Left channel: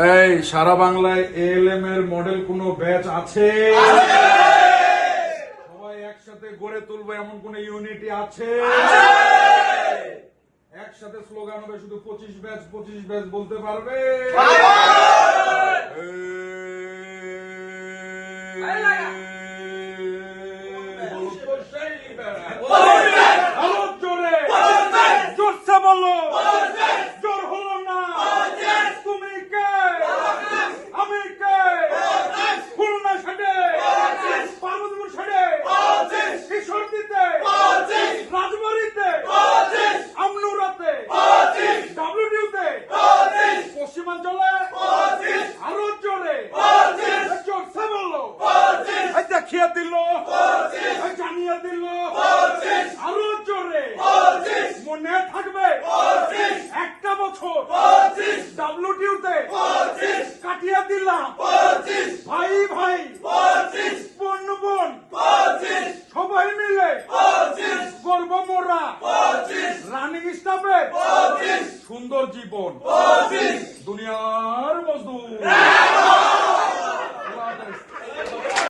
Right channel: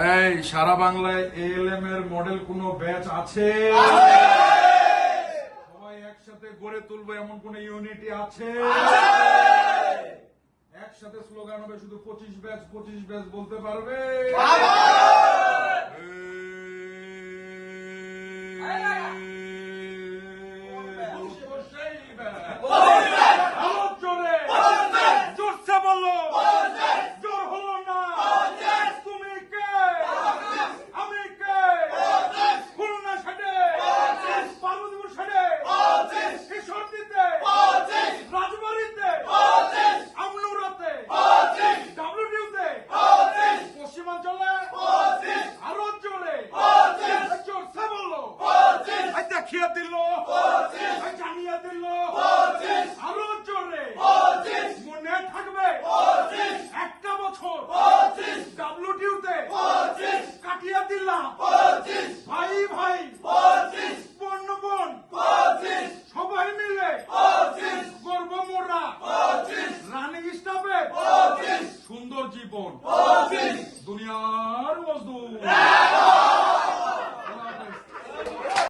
এই সারা বাংলায় এএলএম এর মডেল কোন ব্যাচ আছে? সবাই একসাথে গড়ে তুলবো এমন কোন ইউনিটি আছে? একসাথে স্লোগান হবে শুধু 25 ব্যাচ বলতে পারবে? জোরসে বলো, জোর হলো না। তুমি কে? আমি কে? খুলনা ছেড়ে, পার্বতীপুর ছেড়ে, কিশোরদীতে, রাজবাড়িতে, আমনুরাতে, ডাব্লিউটিউতে, পশ্চিমাঞ্চলে আরো জোরে, জোরসে বললো, দেখিয়ে দিল, জানিয়ে দিল, আরো জোরে, মনে থাকবে একটা বছর ডাব্লিউটিউতে কাটিয়ে দিলাম, ভাই ভাই বোন বোন সবাই মিলে গর্ব মোরা রানিং স্টাফের সুন্দর জীবন। দুনিয়া